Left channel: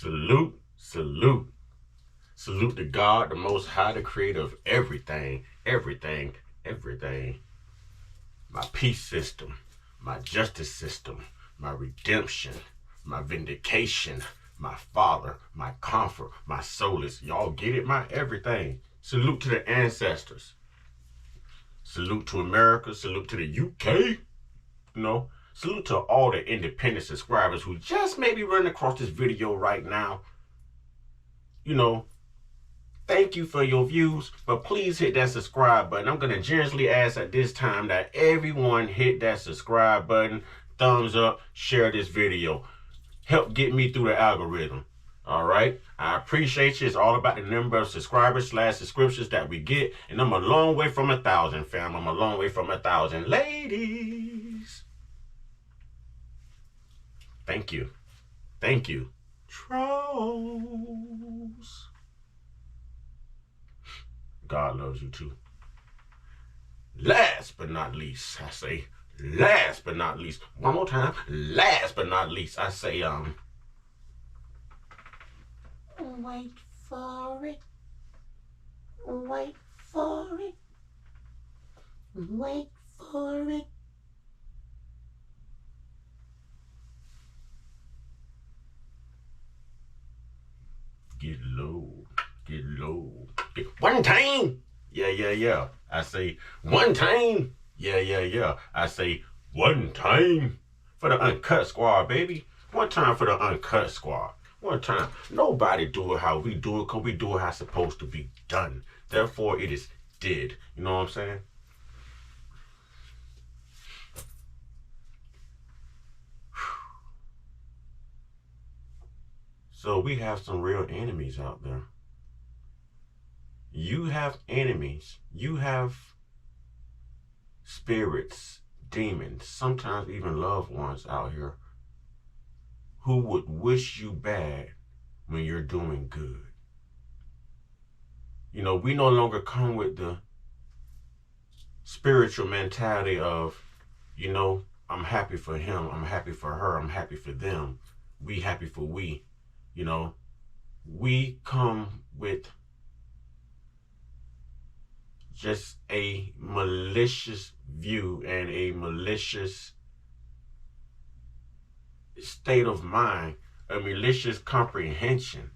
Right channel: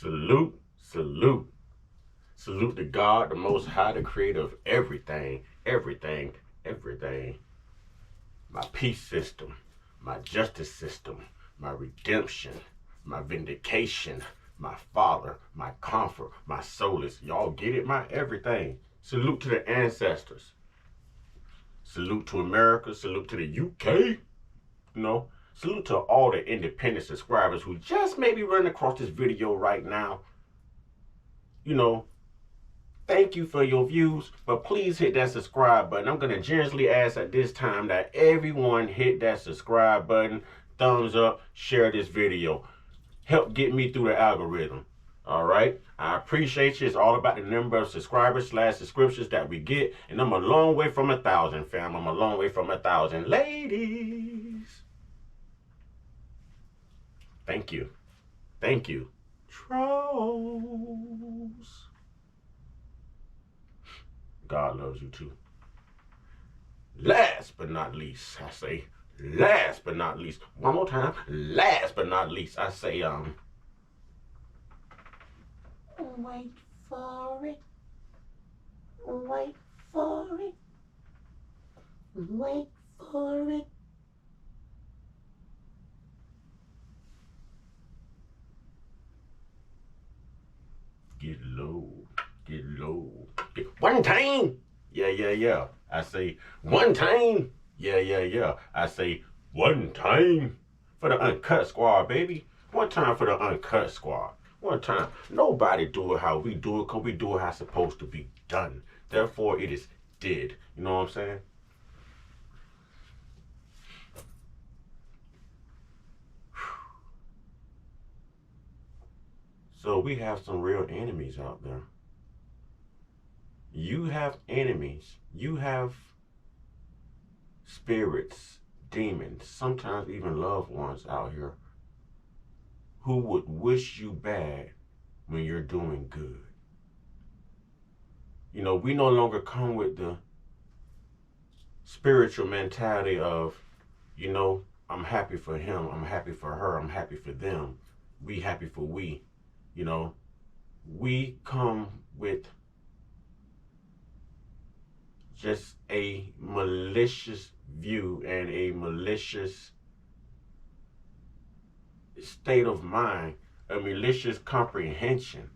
Salute, salute, salute to God, the Most High, the creator of everything, everything, everything. My peace system, my justice system, my redemption, my vindication, my father, my comfort, my solace. Y'all get it? My everything. Salute to the ancestors. Salute to America. Salute to the UK. Salute to all the independent subscribers who just may be running across this video right now. Thank you for your views, but please hit that subscribe button. I'm going to generously ask at this time that everyone hit that subscribe button, thumbs up, share this video. Help get me through the algorithm. All right? I appreciate you. It's all about the number of subscribers / subscriptions that we get, and I'm a long way from 1,000, fam. I'm a long way from 1,000. Ladies. Thank you. Thank you. Trolls. God loves you too. Last but not least, I say, last but not least, one more time, last but not least, I say, wait for it, wait for it, wait for it. Get low, get low. One time, yeah. I say one time, yeah. I say one time for the uncut squad, baby. One time for the uncut squad. One time. Nobody do it how we do it, because we do it how it's supposed to be done. Therefore, it is did. You know what I'm saying? So we have some real enemies out there. You have enemies. You have spirits, demons, sometimes even loved ones out here who would wish you bad when you're doing good. We no longer come with the spiritual mentality of, I'm happy for him, I'm happy for her, I'm happy for them, we happy for we. We come with just a malicious view and a malicious state of mind, a malicious comprehension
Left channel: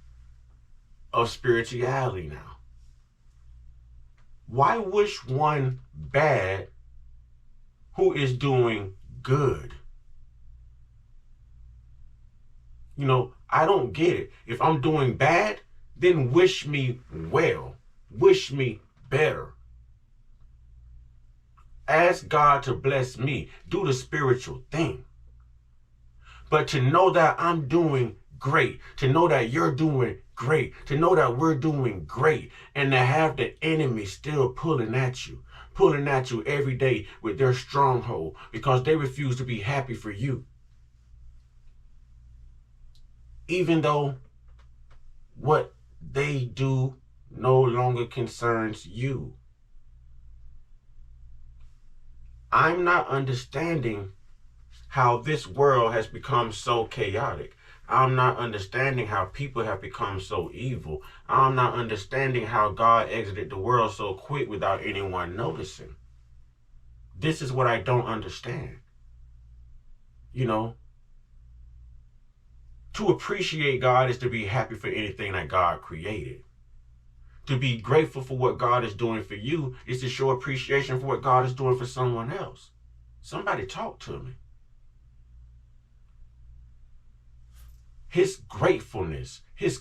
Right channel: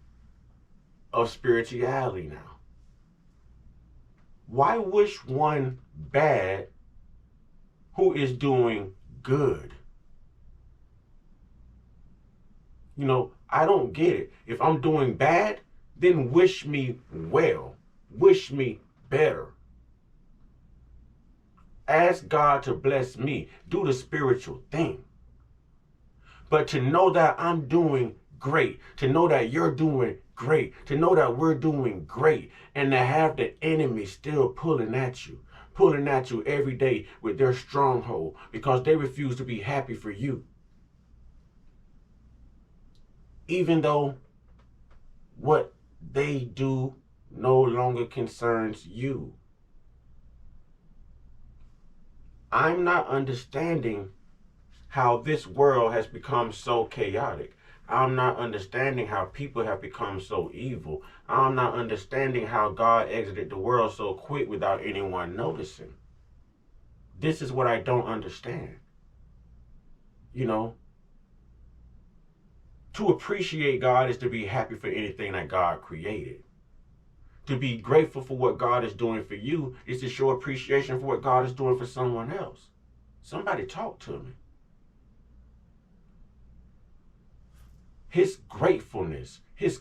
of spirituality now. Why wish one bad who is doing good? I don't get it. If I'm doing bad, then wish me well. Wish me better. Ask God to bless me. Do the spiritual thing. But to know that I'm doing great, to know that you're doing great, to know that we're doing great, and to have the enemy still pulling at you every day with their stronghold because they refuse to be happy for you. Even though what they do no longer concerns you. I'm not understanding how this world has become so chaotic. I'm not understanding how people have become so evil. I'm not understanding how God exited the world so quick without anyone noticing. This is what I don't understand. To appreciate God is to be happy for anything that God created. To be grateful for what God is doing for you is to show appreciation for what God is doing for someone else. Somebody talk to me. His gratefulness. If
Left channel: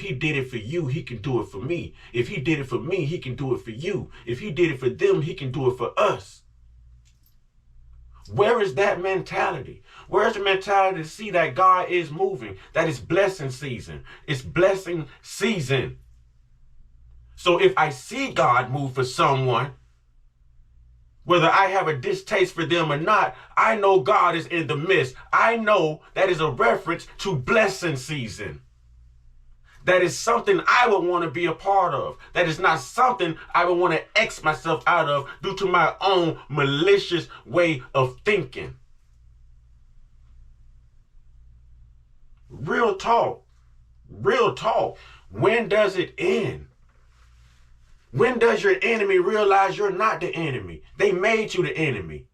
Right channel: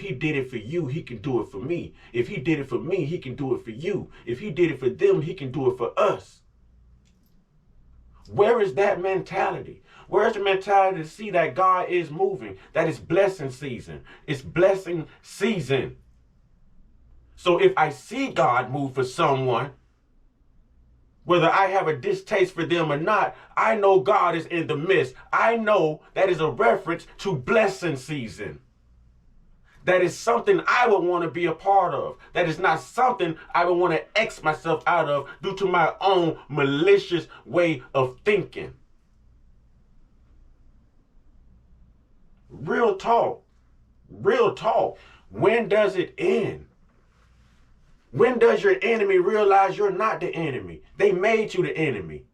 he did it for you, he can do it for me. If he did it for me, he can do it for you. If he did it for them, he can do it for us. Where is that mentality? Where's the mentality to see that God is moving? That it's blessing season. It's blessing season. So if I see God move for someone, whether I have a distaste for them or not, I know God is in the midst. I know that is a reference to blessing season. That is something I would want to be a part of. That is not something I would want to X myself out of due to my own malicious way of thinking. Real talk. Real talk. When does it end? When does your enemy realize you're not the enemy? They made you the enemy.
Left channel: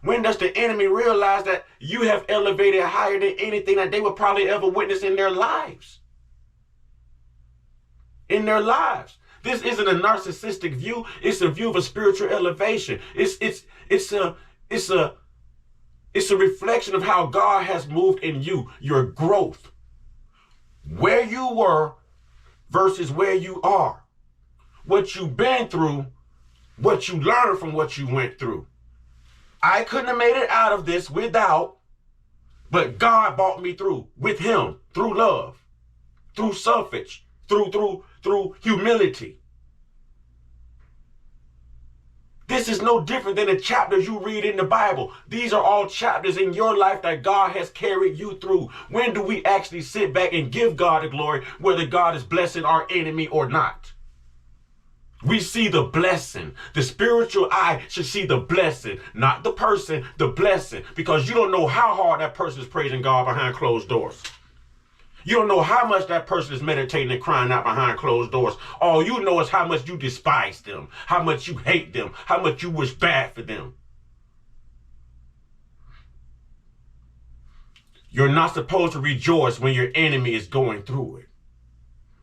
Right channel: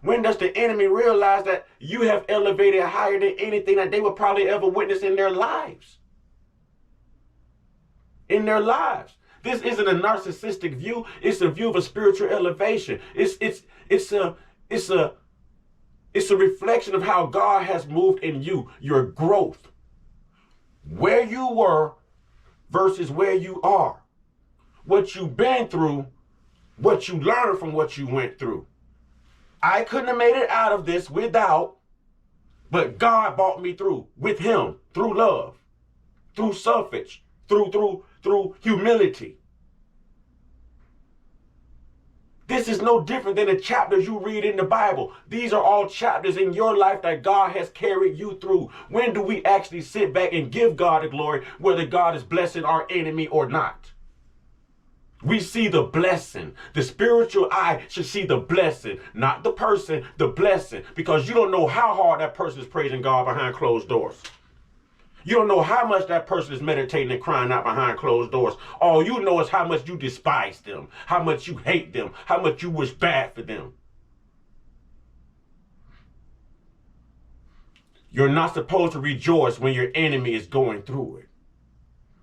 When does the enemy realize that you have elevated higher than anything that they would probably ever witness in their lives? In their lives. This isn't a narcissistic view. It's a view of a spiritual elevation. It's a reflection of how God has moved in you, your growth. Where you were versus where you are. What you've been through, what you learned from what you went through. I couldn't have made it out of this without, but God brought me through with him, through love, through suffrage, through humility. This is no different than the chapters you read in the Bible. These are all chapters in your life that God has carried you through. When do we actually sit back and give God the glory, whether God is blessing our enemy or not? We see the blessing. The spiritual eye should see the blessing, not the person, the blessing, because you don't know how hard that person is praising God behind closed doors. You don't know how much that person is meditating and crying out behind closed doors. All you know is how much you despise them, how much you hate them, how much you wish bad for them. You're not supposed to rejoice when your enemy is going through it.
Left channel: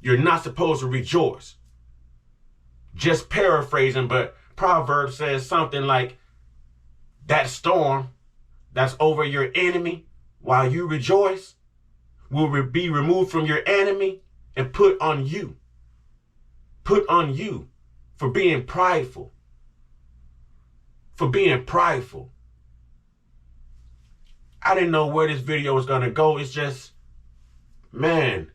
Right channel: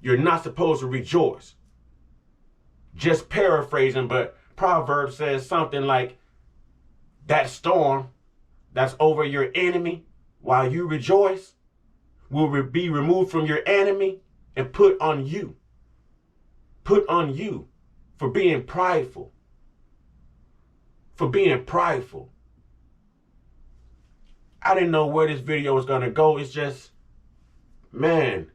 You're not supposed to rejoice. Just paraphrasing, but Proverbs says something like, that storm that's over your enemy while you rejoice will be removed from your enemy and put on you. Put on you for being prideful. For being prideful. I didn't know where this video was going to go. It's just, man,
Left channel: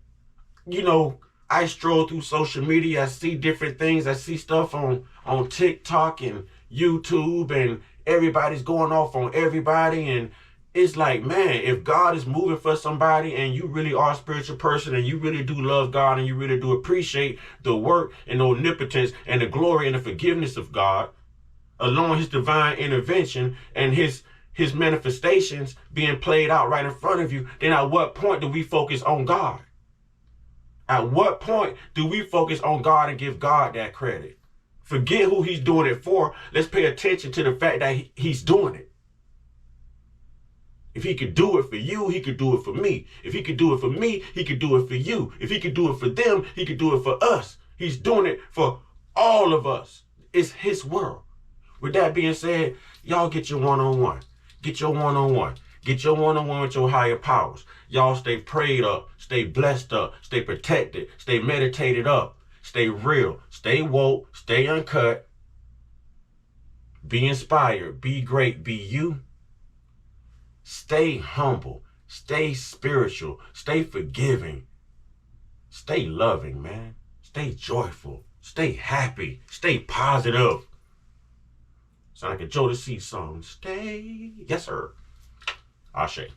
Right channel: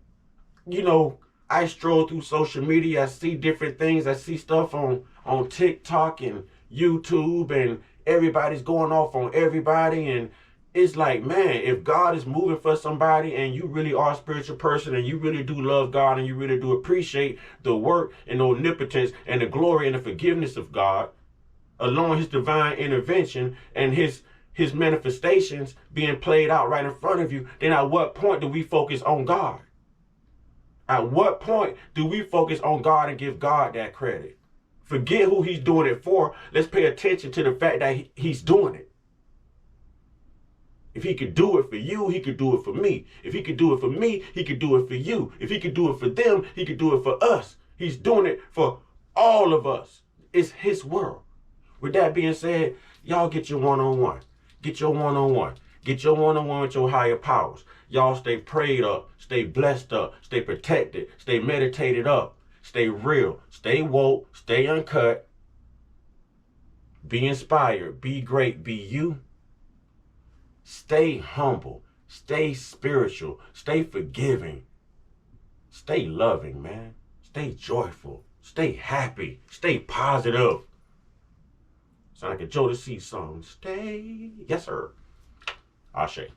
you know, I stroll through social media. I see different things. I see stuff on TikTok and YouTube, and everybody's going off on everybody. And it's like, man, if God is moving for somebody and you really are a spiritual person and you really do love God and you really do appreciate the work and the omnipotence and the glory and the forgiveness of God, along his divine intervention and his manifestations being played out right in front of you, then at what point do we focus on God? At what point do we focus on God and give God that credit? Forget who he's doing it for. Let's pay attention to the fact that he's doing it. If he could do it for you, he could do it for me. If he could do it for me, he could do it for you. If he could do it for them, he could do it for us. He's doing it for all of us. It's his world. With that being said, y'all get your one-on-one. Get your one-on-one. Get your one-on-one with your higher powers. Y'all stay prayed up, stay blessed up, stay protected, stay meditated up, stay real, stay woke, stay uncut. Be inspired, be great, be you. Stay humble, stay spiritual, stay forgiving, stay loving, man. Stay joyful, stay happy, stay positive. Sound like a Jodeci song. Stay, yes sir. Ashe.